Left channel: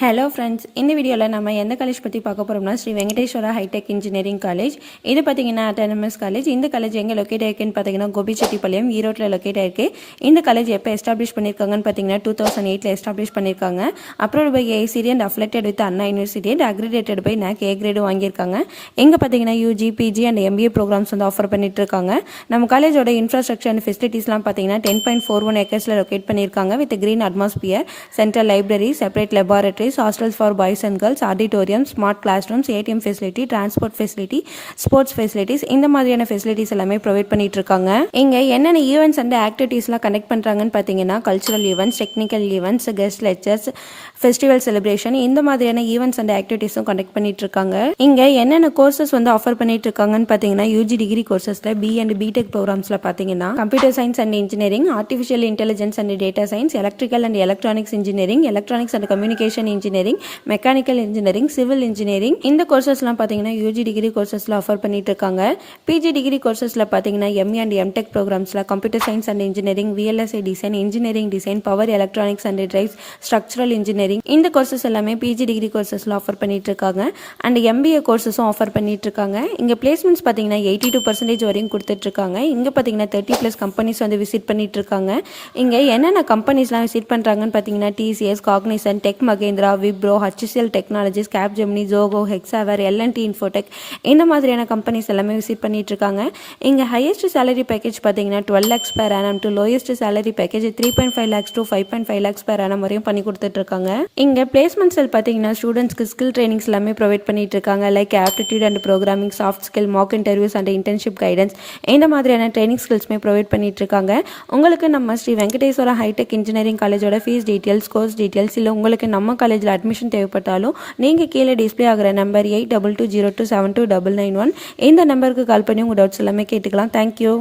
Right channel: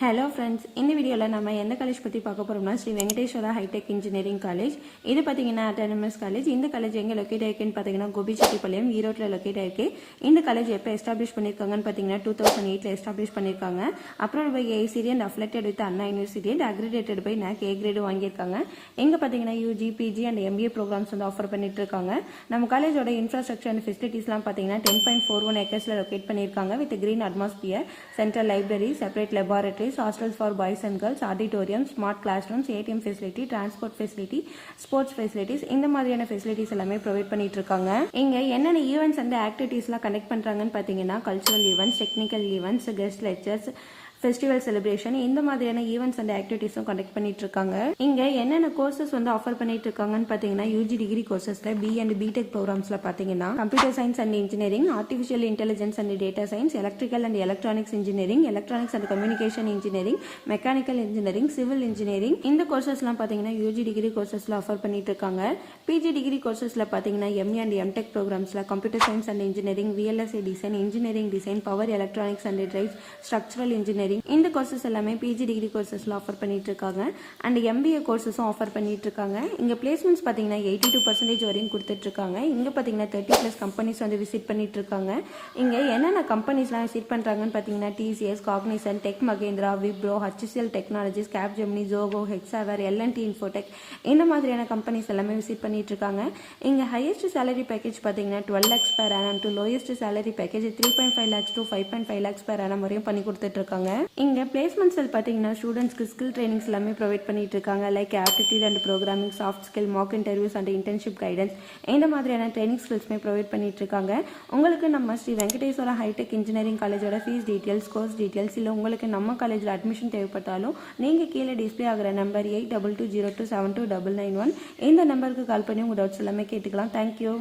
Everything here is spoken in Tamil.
ஹலோ ஃப்ரெண்ட்ஸ், இந்த வீடியோவில் நம்ம எந்த காலேஜ் பற்றி பார்க்க போகிறோம்னா Sri Venkateswara hitech engineering college. இது பார்த்தீங்கன்னா அட்டானமஸ் காலேஜ். இந்த காலேஜ் எங்கே லொக்கேட் ஆயிருக்குன்னு பார்த்தீங்கன்னா கோபிச்செட்டிப்பாளையம், ஈரோட்டில் லொக்கேட் ஆயிருக்கு. இந்த காலேஜ் எப்போ எஸ்டாப்ளிஷ் பண்ணியிருக்காங்கன்னு பார்த்தீங்கன்னா 2008 எஸ்டாப்ளிஷ் பண்ணியிருக்காங்க. Approved by ACT and affiliated with Anna university and accredited by NAC A grade வாங்கியிருக்காங்க. இங்கே பார்த்தீங்கன்னா UG, PG and MBA programs வந்து ஆஃபர் பண்ணிட்டு இருக்காங்க. நம்ம காலேஜோட இன்ஃப்ராஸ்ட்ரக்சர் அண்ட் ஃபெசிலிட்டிஸ்லாம் பார்த்தீங்கன்னா 10.41 ஏக்கர்ஸில் லொக்கேட் பண்ணியிருக்காங்க with green atmosphere, central library, separate laboratory, hostels for boys and girls, auditorium, smart classrooms, ATM facility, transport facility, sports facilities இந்த மாதிரியான ஃபெசிலிட்டிஸ் எல்லாமே ப்ரொவைட் பண்ணிட்டு இருக்காங்க. இங்க என்னென்ன ஈவெண்ட்ஸ் அண்ட் ஆக்டிவிட்டீஸ்லாம் கண்டக்ட் பண்றாங்கன்னு பார்த்தீங்கன்னா cultural events, technical events, guest lectures, festival celebration இந்த மாதிரியான ஈவெண்ட்ஸ் அண்ட் ஆக்டிவிட்டீஸும் கண்டக்ட் பண்ணிட்டு இருக்காங்க. இங்க என்னென்ன கோர்சஸ் வந்து ஆஃபர் பண்ணிட்டு இருக்காங்கன்னு பார்த்தீங்கன்னா UG டிகிரி கோர்சஸ்ல B and BTech ப்ரோக்ராம்ஸ்ல பார்த்தீங்கன்னா computer science and engineering, artificial intelligence and data science, electrical and electronics engineering, electronics and communication engineering, mechanical engineering, civil engineering இந்த கோர்சஸ்லாம் பார்த்தீங்கன்னா UG டிகிரி கோர்சஸ்ல ஆஃபர் பண்ணிட்டு இருக்காங்க. PG டிகிரி கோர்சஸ்ல பார்த்தீங்கன்னா ME அண்ட் MTech ப்ரோக்ராம்ஸ்ல computer science and engineering, VLSI design, engineering design, power electronics and drives, structural engineering இந்த கோர்சஸ் எல்லாமே PG டிகிரி கோர்சஸ்ல ஆஃபர் பண்ணிட்டு இருக்காங்க. அண்ட் MBA கோர்சஸும் ஆஃபர் பண்ணிட்டு இருக்காங்க. இங்க பிளேஸ்மெண்ட்ஸ் பார்த்தீங்கன்னா 82% வரையும் கொடுத்துட்டு இருக்காங்க. இங்க பார்த்தீங்கன்னா 30+ கம்பெனிஸ் வந்து விசிட் பண்ணிட்டு இருக்காங்க. இங்க என்னென்ன கம்பெனிஸ்லாம் விசிட் பண்றாங்கன்னு பார்த்தீங்கன்னா TCS, Cognizant, Tech Mahindra, Wipro, HCL technologies, Capgemini, Zoho, Hexaware, L&T Infotech இந்த மாதிரியான கம்பெனிஸ் எல்லாமே விசிட் பண்ணிட்டு இருக்காங்க. இங்க ஹையஸ்ட் சேலரி பேக்கேஜ் பார்த்தீங்கன்னா 12 lakhs per annum to lowest salary package 3.5 lakhs to 5.5 lakhs per annum வரையும் பண்ணி கொடுத்துட்டு இருக்காங்க. இங்க பிளேஸ்மெண்ட் செல் பார்த்தீங்கன்னா ஸ்டூடெண்ட்ஸ்க்கு ஸ்கில் ட்ரைனிங்ஸ் எல்லாமே ப்ரொவைட் பண்ணிட்டு இருக்காங்க. Like aptitude and programming, soft skill, mock interviews and internship guidance இந்த மாதிரியான ட்ரைனிங் ஸ்கில்ஸ்மே ப்ரொவைட் பண்ணிட்டு இருக்காங்க. உங்களுக்கு நம்ம ஸ்ரீ வெங்கடேஸ்வரா ஹைடெக் இன்ஜினியரிங் காலேஜோட ஃபீஸ் டீட்டெயில்ஸ், கோர்ஸ் டீட்டெயில்ஸ் இல்லை உங்களுக்கு நம்ம காலேஜில் அட்மிஷன் தேவைப்பட்டாலும் நீங்கள் கீழே டிஸ்பிளே ஆகிற நம்பர் 8220272991 இந்த நம்பருக்கு கால் பண்ணி உங்கள் டவுட்ஸ் எல்லாமே கேட்டுக்கலாம். தேங்க்யூ.